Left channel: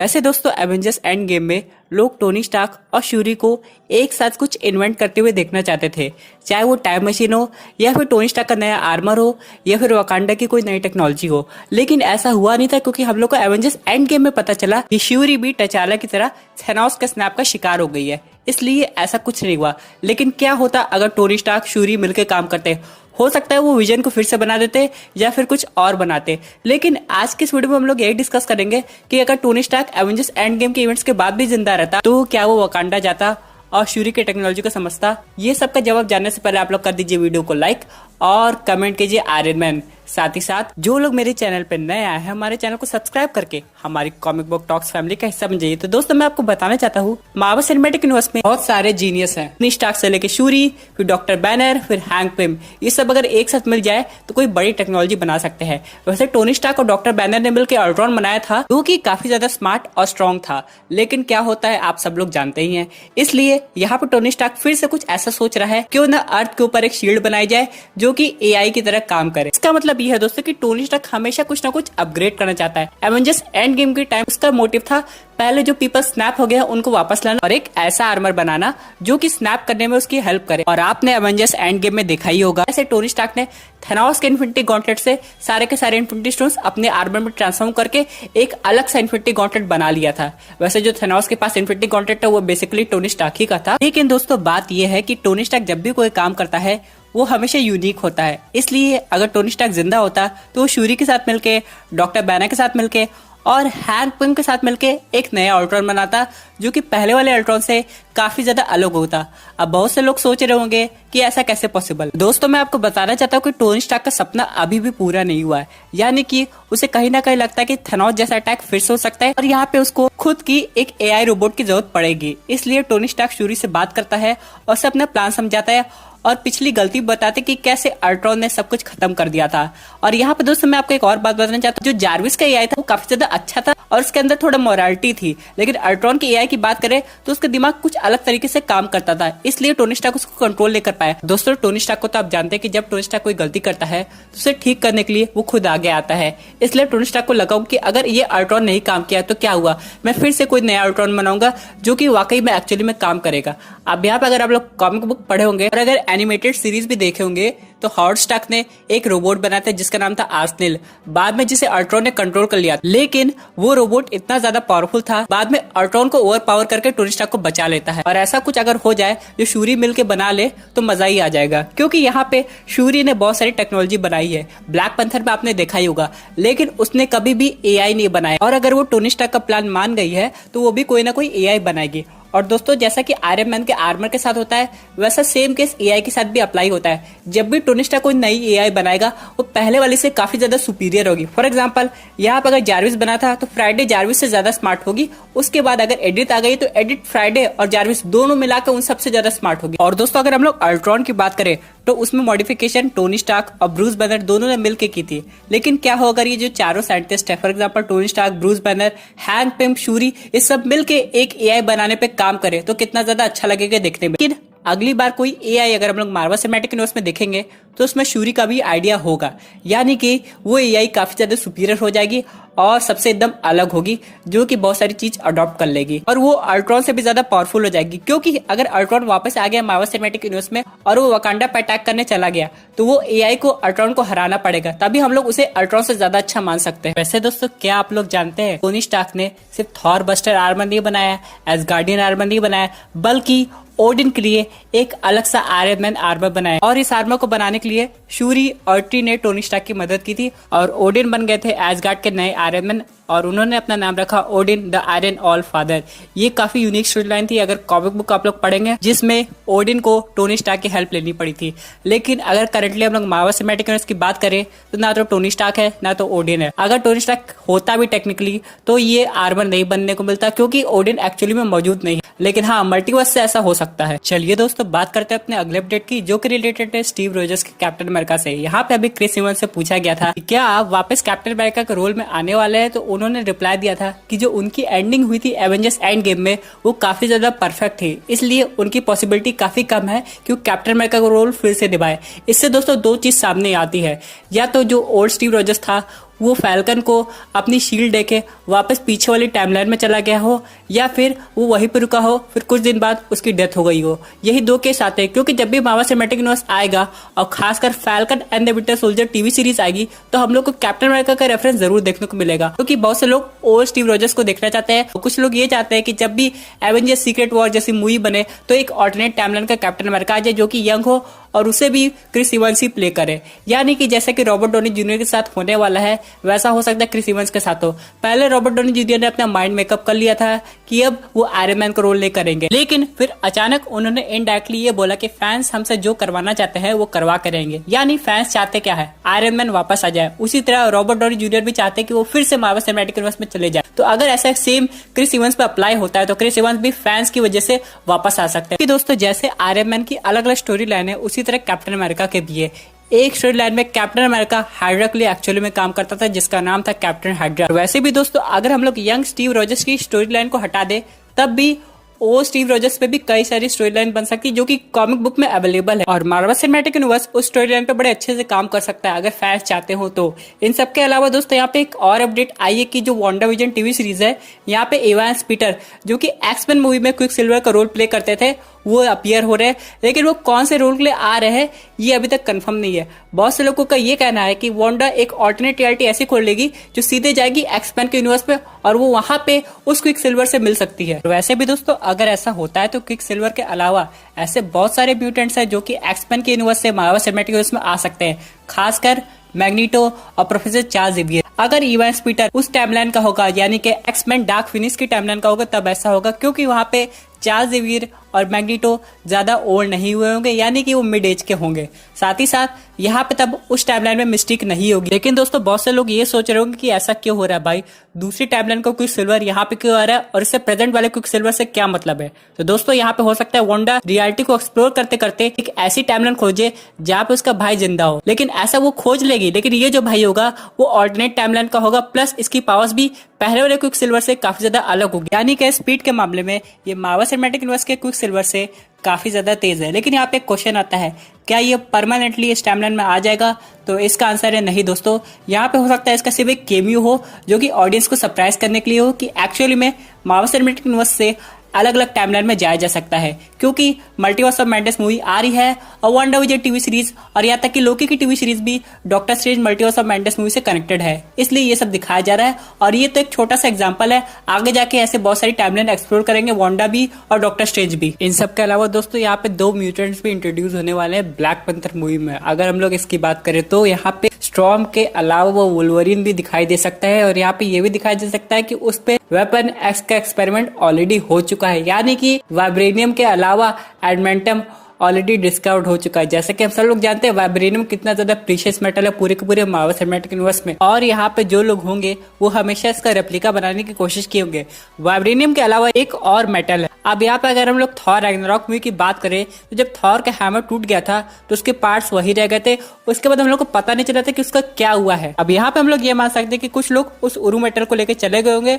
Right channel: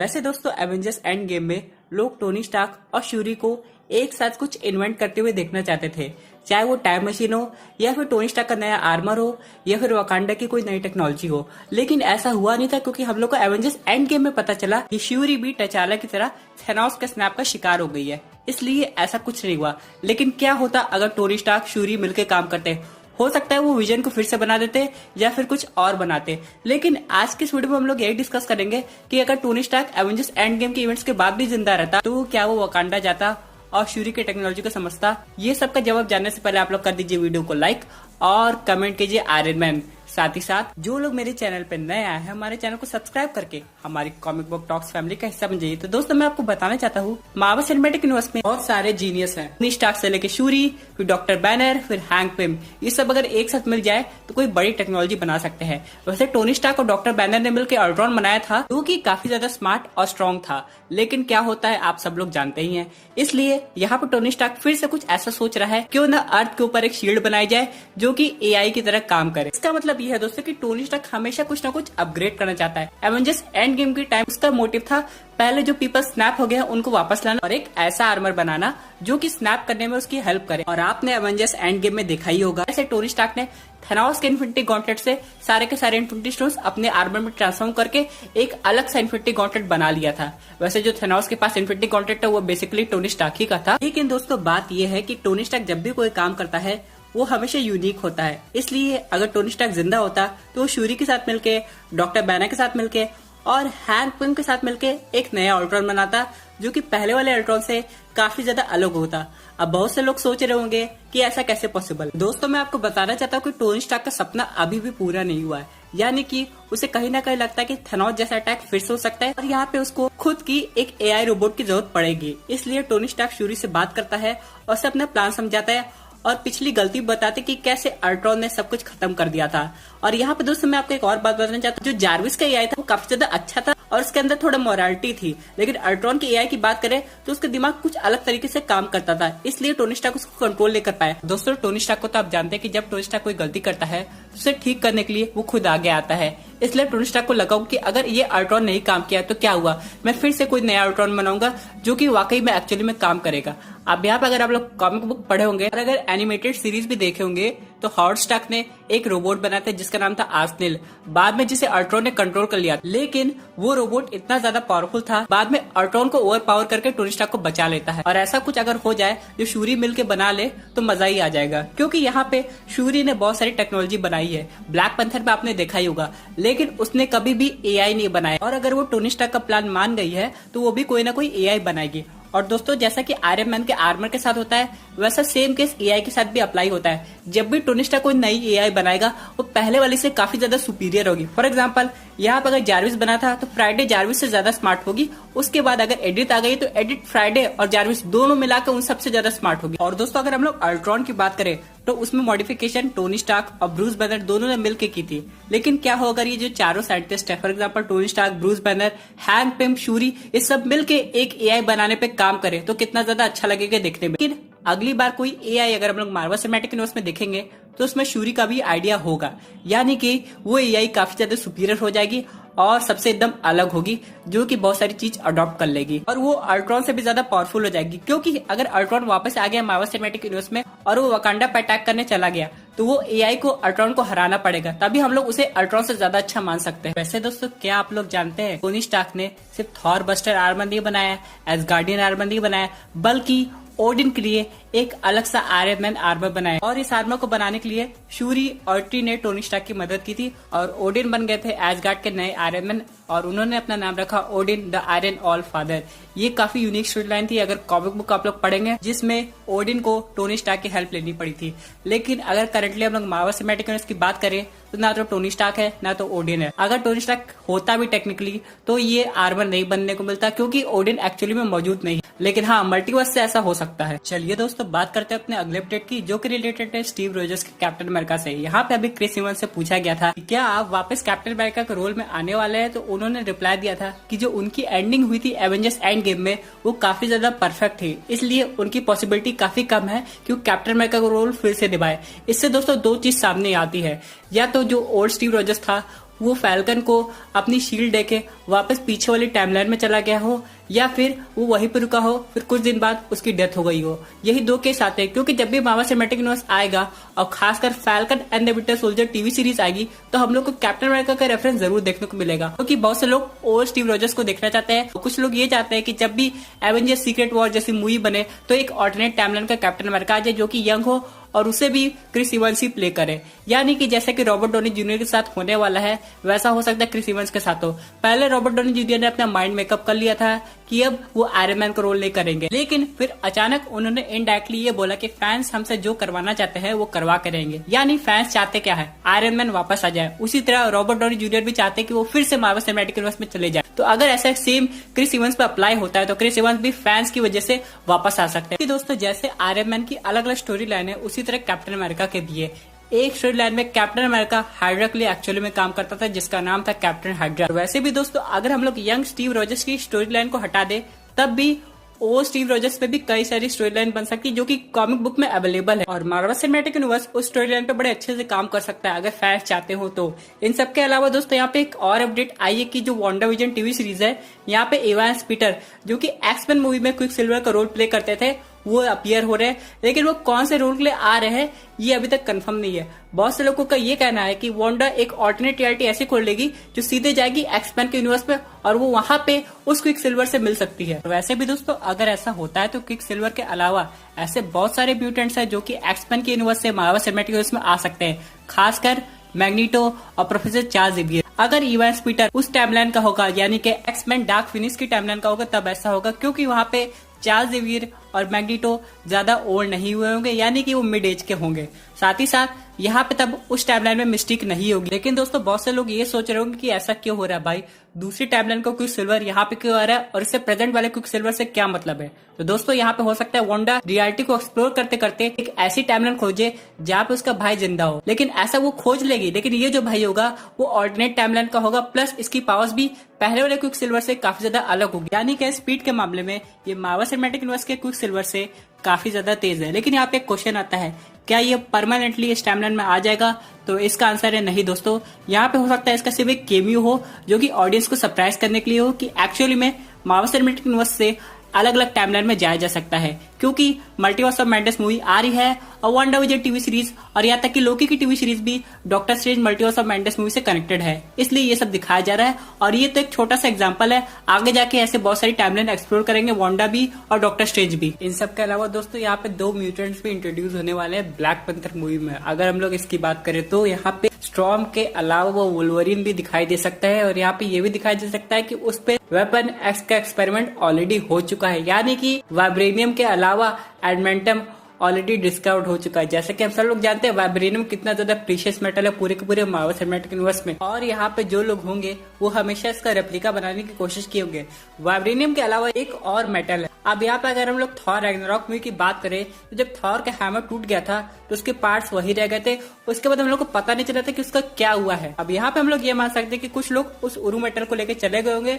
ऐसे दोस्तों Avengers end game में लोग टोनी स्टार्क और श्यूरी को एक साथ कुछ इन्वेंट करते हुए देखना चाहते थे, चाहे वो टाइम मशीन हो या फिर टोनी स्टार्क का नया आर्मर हो या फिर वकांडा की कोई नई टेक्नोलॉजी हो। लेकिन ऐसा हुआ नहीं था क्योंकि हम लोग को एवेंजर्स एंड गेम में पता चला कि श्यूरी भी टचाला की तरह थेनोस के स्नैप का शिकार हो गई है, इसलिए ऐसा कुछ नहीं हुआ। लेकिन क्या होता अगर टोनी स्टार्क श्यूरी मिलकर काम करते? हो सकता है वो विजन को फिर से बना देते या फिर कुछ और बनाते। लेकिन आज के इस वीडियो में हम लोग यही डिस्कस करेंगे कि अगर Tony Stark Avengers end game के इवेंट्स के बाद भी जिंदा रहता तो क्या वो वकांडा जाता और श्यूरी की टेक्नोलॉजी को समझता? ये सब का जवाब जानने से पहले आप लोग कर दीजिए वीडियो को लाइक और कमेंट कीजिए आयरन मैन। साथ ही साथ जो लोग मेरे चैनल पे नए आए हैं हमारे चैनल को सब्सक्राइब करके हमारी कॉमिक बुक टॉक्स फैमिली का हिस्सा बन जाइए। तो दोस्तों मैं आपको बताना चाहता हूँ मार्वल सिनेमैटिक यूनिवर्स में बहुत सारे जीनियस हैं, टोनी स्टार्क से लेके श्यूरी, फिर डॉक्टर बैनर, फिर हैंक पिम। ये सब अगर एक साथ मिल जाए तो कोई बड़ी टेक्नोलॉजी बना सकते हैं। वैसे टोनी स्टार्क और डॉक्टर बैनर ने मिलकर अल्ट्रॉन बनाया था जो कि काफी ज्यादा स्मार्ट और स्ट्रॉन्ग था। लेकिन क्या होता है आप सब लोग जानते ही हैं, इसलिए यहाँ पे टोनी स्टार्क फिर से कुछ ऐसा सोच रहा है क्यों ना अर्थ के ऊपर एक शील्ड बनाई जाए जो कि एआई की तरह काम करे। इसका मतलब ये है दोस्तों कि टोनी स्टार्क हमेशा कुछ ना कुछ अपग्रेड करना चाहता है। एवेंजर्स एंड गेम के टाइम उसका मोटिव था पहले जो पीपल स्नैप हो गया उनको वापस लाना और एक ऐसा आर्मर बनाना जो कि स्नैप करने में उसकी हेल्प करे। और आपने एवेंजर्स एंड गेम में देखा ही होगा ऐसे टोनी स्टार्क ने थेनोस के इन्फिनिटी गॉन्टलेट से सारे के सारे इन्फिनिटी स्टोन्स अपने आर्मर में ट्रांसफॉर्म करके एक अलग सा इन्फिनिटी गॉन्टलेट बना लिया था। वैसे जो थेनोस के पास इन्फिनिटी गॉन्टलेट था वो बेसिकली टोनी स्टार्क ही का था। लेकिन दोस्तों बात यह है कि टोनी स्टार्क जब भी कोई काम करता है वो हमेशा यूनिक होता है। इसलिए अगर टोनी स्टार्क जिंदा होता तो वो श्यूरी के साथ मिलके, डॉक्टर बैनर के साथ मिलके और हैंक पिम के साथ मिलके एक नया अल्ट्रॉन बनाता जो कि पहले वाले अल्ट्रॉन से काफी ज्यादा अलग होता। अब बहुत से लोग सोच रहे होंगे कि ऐसा कैसे पॉसिबल। दोस्तों मैं आपको बताना चाहता हूँ कि टोनी स्टार्क का सपना अभी भी पूरा नहीं हुआ है, यानी कि उसे कहीं ना कहीं लगता है कि थेनोस जैसा अटैक फिर से हो सकता है और यहाँ पे उसको खुद की एक एआई रोबोट की जरूरत पड़ेगी। इसलिए टोनी स्टार्क श्यूरी से बात करता है और उसे अपना प्लान समझाता है और पिछली गलती बताते कि कैसे अल्ट्रॉन ने सब कुछ खत्म कर दिया था। और यहाँ पे दोस्तों मैं आपको एक और बात बताना चाहता हूँ, जो जार्विस का एआई था वो काफी ज्यादा अच्छा था और उसके अंदर थोड़ा मोरालिटी थी। लेकिन अल्ट्रॉन की एआई की बात करें तो उसका दिमाग कुछ अलग तरीके से काम करता था, इसलिए टोनी स्टार्क उसको कंट्रोल नहीं कर पाया। दोस्तों टोनी स्टार्क को तो आप जानते हैं कि जब टोनी स्टार्क कोई गलती करता है तो उसे ठीक करने के लिए वो खुद आगे आता है। इसलिए टोनी स्टार्क को लगा कि अगर ये अल्ट्रॉन नहीं काम किया तो क्या हुआ, मैं फिर से कोई नया अल्ट्रॉन बनाऊंगा जो कि वाकई में एक्चुअली में काम करेगा। अब यहाँ पे अगर आप लोग कॉमिक बुक पढ़े होंगे और अगर एनिमेटेड सीरीज भी देखे होंगे तो हावर्ड स्टार्क ने एक रोबोट बनाया था जिसका नाम था आर्सेनल, बाद में जिसे अल्ट्रॉन ने कंट्रोल कर लिया। लेकिन वो रोबोट इतना ज्यादा पावरफुल था बाद में अल्ट्रॉन को ओवर पावर करके टोनी स्टार्क को बचा लेता है। और ऐसा कुछ अगर हो जाए जो श्यूरी मिलके बना ले तो मजा ही आ जाएगा, क्योंकि यहाँ पे श्यूरी ने बहुत सारी टेक्नोलॉजी बनाई है। ब्लैक पैंथर में आपने देखा ही होगा, लेकिन उसने कभी भी एआई नहीं बनाया। और अगर वो टोनी स्टार्क का प्लान मान गई है तो वो भी कोई ना कोई एआई बनाएगी। और दोस्तों जैसा कि आयरन मैन के आर्मर के साथ होता है वैसा सेम केस एआई के साथ भी अप्लाई होता है। जब भी टोनी स्टार्क कोई नई एआई बनाएगा वो पहले वाले से काफी ज्यादा सुपीरियर होगी। फॉर एग्जांपल यहाँ पर अगर जार्विस बना था तो फ्राइडे जार्विस से ज्यादा स्मार्ट होगी। उसके बाद अगर एडिट आ गई तो एडिट फ्राइडे और जार्विस दोनों मिलाकर उन सबसे ज्यादा स्मार्ट होगी। और दोस्तों अगर हम लोग अल्ट्रॉन की बात करें तो उसमें मॉडिफिकेशन टोनी स्टार्क और ब्रूस बैनर दोनों ने मिलकर की थी। लेकिन क्या हो अगर ये जो चारों साइंटिस्ट है, for example Tony Stark, Bruce Banner, Hank Pym, Shuri, ये सब मिलके एक एआई बनाने पे काम करे तो कितना ज्यादा अच्छा लगेगा देखने में। लेकिन अगली बार कोई एआई अगर हम लोग मार्वल सिनेमैटिक यूनिवर्स में देखेंगे तो उसमें श्यूरी का भी आइडिया होगा, यानी कि वो एआई काफी ज्यादा सुपीरियर हो जाएगी और सबसे एकदम अलग होगी जो कि बहुत सारी चीज अडॉप्ट कर लेगी और वो अल्ट्रॉन से भी ज्यादा पावरफुल हो जाएगी। क्योंकि अगर अल्ट्रॉन वापस आ गया मार्वल सिनेमैटिक यूनिवर्स में और वो वकांडा पे अटैक करने चला गया तो वो एआई को अल्ट्रॉन को हराना पड़ेगा, तभी हम लोग उसे अल्ट्रॉन से ज्यादा अच्छा मान सकते हैं। वैसे दोस्तों क्या आप लोग जानते हैं टोनी स्टार्क ने सिर्फ थॉर बस्टर आर्मर नहीं बनाया, एसगार्डियन आर्मर नहीं बनाया, बल्कि ओडिन के लिए एक अलग सा आयरन मैन आर्मर बनाया। और इस आर्मर को बनाने के लिए श्यूरी और टी ने टोनी स्टार्क की मदद की थी और ओडिन बन गए थे एसगार्ड के नए आयरन मैन और उन्होंने अपना नाम रखा Odin the iron all father. ये काफी यूनिक स्टोरी लाइन थी अगर कॉमिक बुक आप लोग पढ़ेंगे, जिसमें ओडिन को टोनी स्टार्क की हेल्प लेनी पड़ी थी। लेकिन अगर करंटली हम लोग मार्वल सिनेमैटिक यूनिवर्स की बात करें तो ना तो टोनी स्टार्क है ना तो ओडिन है। अगर टोनी स्टार्क होता भी टेक्निकली तो ये आर्मर नहीं बनने को मिलता क्योंकि ओडिन एक्चुअली में मौजूद नहीं है। लेकिन हाँ मल्टीवर्स से ऐसा हो सकता है। चलिए दोस्तों बात करते हैं अपने अगले अपडेट की जो कि रिलेटेड है स्टीव रोजर्स के कैप्टन अमेरिका से। यहाँ पे अभी क्रिस इवंस से पूछा गया था कि क्या आप वापस कैप्टन अमेरिका के रोल में आने वाले हैं, तो उन्होंने रिप्लाई दिया था कि जो उनकी एंडिंग हुई थी एवेंजर्स एंड गेम में वो काफी ज्यादा परफेक्ट थी, इसलिए उनकी पॉसिबिलिटी काफी कम है कि वो कैप्टन अमेरिका का रोल फिर से निभाए। इससे दोस्तों दो चीज सामने आती है, या तो जो ओल्ड स्टीव रोजर्स था वो फैल्कन को अपनी शील्ड देके वापस पीछे वाली टाइमलाइन में चला गया हो या फिर वो वहीं पर रुका हो, फिर कुछ दिन बाद उसकी डेथ हो गई हो। यही दो केस आते हैं, क्योंकि जब भी मार्वल सिनेमैटिक यूनिवर्स आएगा और खासकर falcon and the winter soldier TV series आएगी तो हम लोग को कैप्टन अमेरिका का रेफरेंस जरूर देखने को मिलेगा, क्योंकि बहुत से लोग ओल्ड स्टीव रॉजर्स को देखना चाहते हैं। कुछ लोग ये चाहते हैं कि जब भी एवेंजर्स सीक्रेट वॉर जैसी मूवी बने तो एक ऑल्टरनेट टाइमलाइन का कैप्टन अमेरिका आ जाए जो कि यंग हो और उसे भी क्रिस इवंस ही प्ले करे, यानी कि जैसे कि रॉबर्ट डॉनी जूनियर के साथ होने वाला है वैसा हो सकता है क्रिस इवंस के साथ हो। पहले रॉबर्ट डॉनी जूनियर ने अपना माइंड मेकअप कर लिया था कि अब वो आयरन मैन का रोल नहीं करेंगे, लेकिन फिर अचानक उन्होंने इनडायरेक्टली ये बोला कि फैंस हमसे जो करवाना चाहते हैं वो करवा करेंगे, यानी फैंस चाहते क्या है, आयरन मैन वापस आ जाए। उसी तरह रॉबर्ट डॉनी जूनियर भी चाहते हैं कि वो फिर से मार्वल सिनेमैटिक यूनिवर्स में चले जाए। तो अगर ऐसा सेम क्रिस इवंस पे अप्लाई होता है तो क्रिस इवंस भी फैंस की वजह से वापस आ सकते हैं। दोस्तों जैसे आयरन मैन की अलग अलग स्टोरी लाइन है, उसी तरह कैप्टन अमेरिका के भी है। एक स्टोरी लाइन में कैप्टन अमेरिका हाइड्रा के लिए एक्चुअली में काम करता था जिसका नाम था कैप्टन हाइड्रा। वैसे भी दोस्तों अगर हम लोग यंग स्टीव रॉजर्स की स्टोरी लाइन को हटा दे तब भी ओ स्टीव रॉजर्स पे भी कई सारी स्टोरी लाइन बन सकती है जो कि कॉमिक बुक में अवेलेबल है, और मार्वल सिनेमैटिक यूनिवर्स उस स्टोरी लाइन पे बड़े अच्छे से काम कर सकता है अगर फैंस चाहते हो तो। इन सब के अलावा दोस्तों यहाँ पे एक और अपडेट आई है कि जो वांडा विजन टीवी सीरीज है यहाँ पे इवांस पीटर जो कि एक्समैन मूवी में क्विक सिल्वर का रोल प्ले करते थे वो अपीयर हो रहे हैं, लेकिन वो कौन से रोल के लिए आ रहे हैं ये अभी तक कंफर्म नहीं है। बहुत से लोगों का ये कहना है कि वांडा एक ऑल्टरनेट रियलिटी ऐसी खोल लेगी जो सीधे जाएगी एक्समैन के यूनिवर्स पे और वो वहां पे उस क्विक सिल्वर से मिल सकती है। वैसे भी दोस्तों अगर ऐसा होता है तो क्विक सिल्वर के अलावा ऐसे बहुत सारे म्यूटेंट्स हैं जो कि एक्समैन के यूनिवर्स से मार्वल सिनेमैटिक यूनिवर्स में आ सकते हैं, खासकर मैग्नीटो और प्रोफेसर चार्ल्स जेवियर। अगर इवांस पीटर उस टाइमलाइन का होगा यानी कि एक्समैन डार्क फिनिश की टाइमलाइन का होगा तब ऐसा होगा, क्योंकि वहां पे चार्ल्स जेवियर और मैग्नीटो ज्यादा ओल्ड नहीं हुए होंगे, यानी कि वो मिड एज के होंगे। साथ ही साथ यहाँ पे तब उस टाइमलाइन में मिस्टेक नहीं होगी। लेकिन दोस्तों बहुत से लोग ये सोच रहे होंगे कि ऐसा क्यों हो रहा है भाई, दूसरी टाइमलाइन का क्विक सिल्वर यहाँ पे क्यों आ रहा है और इससे प्रेजेंट वाले क्विक सिल्वर से क्या मतलब है। तो दोस्तों यहाँ पे हो सकता है वांडा रियलिटी को एक्सप्लोर करते करते एक ऐसी टाइमलाइन खोजे जहाँ पे उसका भाई जिंदा हो, लेकिन ऐसा वो खोज लेगी, लेकिन ये जो भाई होगा वो ऑल्टरनेट टाइमलाइन का होगा, प्लस इसकी पावर्स भी पहले वाले क्विक सिल्वर से काफी ज्यादा अलग होगी, यानी कि स्पीड के मामले में ये मार्वल सिनेमैटिक यूनिवर्स के क्विक सिल्वर से काफी ज्यादा तेज है। लेकिन यहाँ पे एक क्वेश्चन आता है, क्या ये परमानेंटली इस टाइमलाइन में आ जाएगा? तो इसका आंसर है नहीं दोस्तों। यहाँ पे हो सकता है इसका सिर्फ एक केमियो हो जो कि ऑडियंस को सरप्राइज करने के लिए हो कि एक्चुअली में मार्वल सिनेमैटिक यूनिवर्स से अलग अलग टाइमलाइन में जाया जा सकता है, क्योंकि मल्टीवर्स ऑफ मैडनेस मूवी आ रही है और वांडा विजन टीवी सीरीज और यहाँ तक कि लोकी की टीवी सीरीज भी doctor strange multiverse of madness movie से कनेक्टेड है, इसलिए ये सब दिखाया जा रहा है। और ये तो एक छोटा सा एग्जांपल है, आगे जाके ऐसे बहुत सारी टाइमलाइन एक्सप्लोर करेंगे वांडा भी और डॉक्टर स्ट्रेंज भी। इन सब के अलावा दोस्तों यहाँ पे दो म्यूटेंट्स भी इंट्रोड्यूस होने वाले हैं ब्लैक पैंथर मूवी में। अगर हम लोग इसकी बात करें तो यहाँ पे स्टॉर्म के अलावा वो वुल्वरीन भी दिखाई दे सकता है, और यहाँ पे ये भी दिखाई दे सकता है कि उस पे वेपन एक्स का एक्सपेरिमेंट ऑलरेडी हो चुका है, यानी कि वाइब्रेनियम के अलावा एडमेंटम ऑलरेडी डिस्कवर्ड हो चुका है। जैसे कि हम सब लोग जानते हैं वाइब्रेनियम कितना ज्यादा प्रीशियस मेटल है पूरे के पूरे मार्वल सिनेमैटिक यूनिवर्स में, और यहाँ पे जो लोग होंगे वो हमेशा इसका रेप्लिका बनाने की कोशिश किए होंगे। वाइब्रेनियम के अलावा एक और मेटल है। अब यहाँ पे अगर हम लोग थॉर रैग्नारॉक मूवी की बात करें तो जब थॉर का हैमर टूट गया था तो उसके पार्ट्स वही रह गए थे, उसके बाद हम लोग को पता नहीं चला था कि उसका क्या हुआ है। अब यहाँ पे हम लोग ये मान सकते हैं कि कुछ लोग उस उरु मेटल को लेकर चले गए होंगे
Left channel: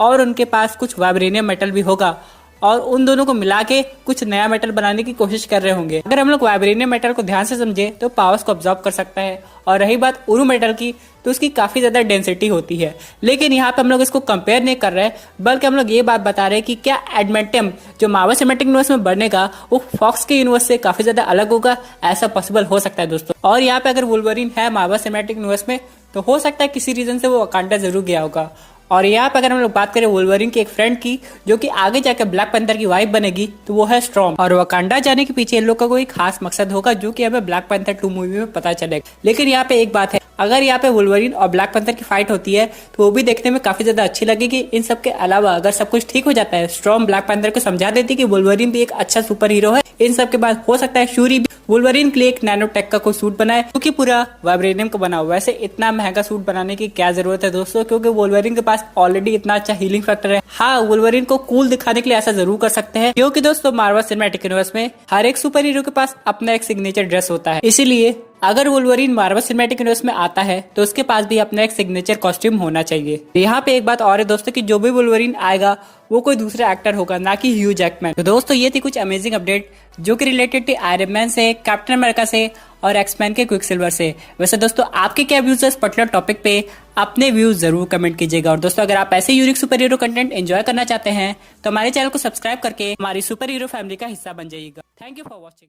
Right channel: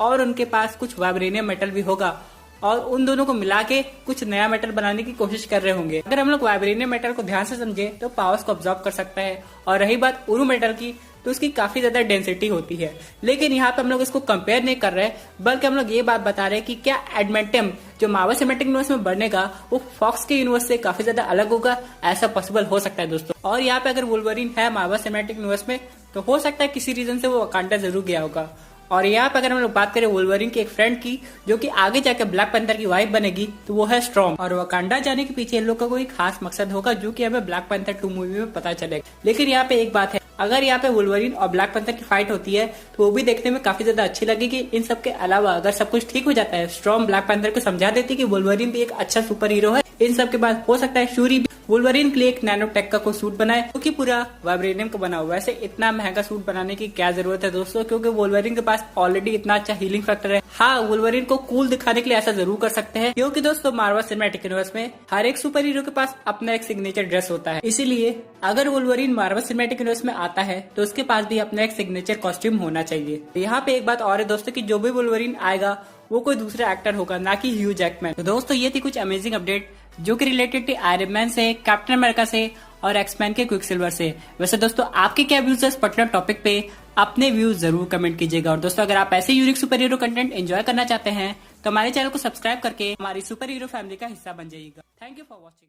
और उनके पास कुछ वाइब्रेनियम मेटल भी होगा और उन दोनों को मिला के कुछ नया मेटल बनाने की कोशिश कर रहे होंगे। अगर हम लोग वाइब्रेनियम मेटल को ध्यान से समझे तो पावर्स को ऑब्जॉर्व कर सकता है, और रही बात उरु मेटल की तो उसकी काफी ज्यादा डेंसिटी होती है। लेकिन यहाँ पे हम लोग इसको कंपेयर नहीं कर रहे, बल्कि हम लोग ये बात बता रहे हैं कि क्या एडमेंटम जो मार्वल सिनेमैटिक यूनिवर्स में बनेगा वो फॉक्स के यूनिवर्स से काफी ज्यादा अलग होगा, ऐसा पॉसिबल हो सकता है दोस्तों। और यहाँ पे अगर वुल्वरीन है मार्वल सिनेमैटिक यूनिवर्स में तो हो सकता है किसी रीजन से वो वकांडा जरूर गया होगा। और यहाँ पे अगर हम लोग बात करें वुल्वरीन की एक फ्रेंड की जो कि आगे जाकर ब्लैक पैंथर की वाइफ बनेगी तो वो है स्टॉर्म, और वकांडा जाने के पीछे इन लोगों का कोई खास मकसद होगा जो कि हमें ब्लैक पैंथर 2 मूवी में पता चलेगा। लेकिन यहाँ पे एक बात है, अगर यहाँ पे वुल्वरीन और ब्लैक पैंथर की फाइट होती है तो वो भी देखने में काफी ज्यादा अच्छी लगेगी। इन सब के अलावा अगर सब कुछ ठीक हो जाता है, स्टॉर्म ब्लैक पैंथर को समझा देती कि वुल्वरीन भी एक अच्छा सुपर हीरो है, इन सब के बाद हो सकता है शूरी भी वुल्वरीन के लिए एक नैनोटेक का कोई सूट बनाए क्योंकि पूरा वाइब्रेनियम का बना हुआ। वैसे इतना महंगा सूट बनाने की क्या जरूरत है दोस्तों, क्योंकि वुल्वरीन के पास ऑलरेडी इतना अच्छा हीलिंग फैक्टर है। हाँ, वुल्वरीन को कूल दिखाने के लिए ऐसा जरूर कर सकते हैं, क्योंकि दोस्तों मार्वल सिनेमैटिक यूनिवर्स में हर एक सुपर हीरो के पास अपना एक सिग्नेचर ड्रेस होता है, इसीलिए अगर वुल्वरीन मार्वल सिनेमैटिक यूनिवर्स में आता है तो उसके पास भी अपना एक सिग्नेचर कॉस्ट्यूम होना चाहिए। यहाँ पे एक बात और है दोस्तों कि जो भी वुल्वरीन आएगा वो कोई दूसरा एक्टर होगा, ना कि ह्यू जैकमैन। तो दोस्तों ये थी कुछ अमेजिंग अपडेट जो कि रिलेटेड थी आयरन मैन से, कैप्टन अमेरिका से और एक्समैन के क्विक सिल्वर से। वैसे दोस्तों आपके क्या व्यूज है इस पर्टिकुलर टॉपिक पे अपने व्यूज जरूर कमेंट कीजिएगा। और दोस्तों अगर आप ऐसे unique super hero content enjoy करना चाहते हैं तो हमारे चैनल को सब्सक्राइब करके हमारी सुपर हीरो फैमिली का हिस्सा बन जाइएगा। Thank you for watching.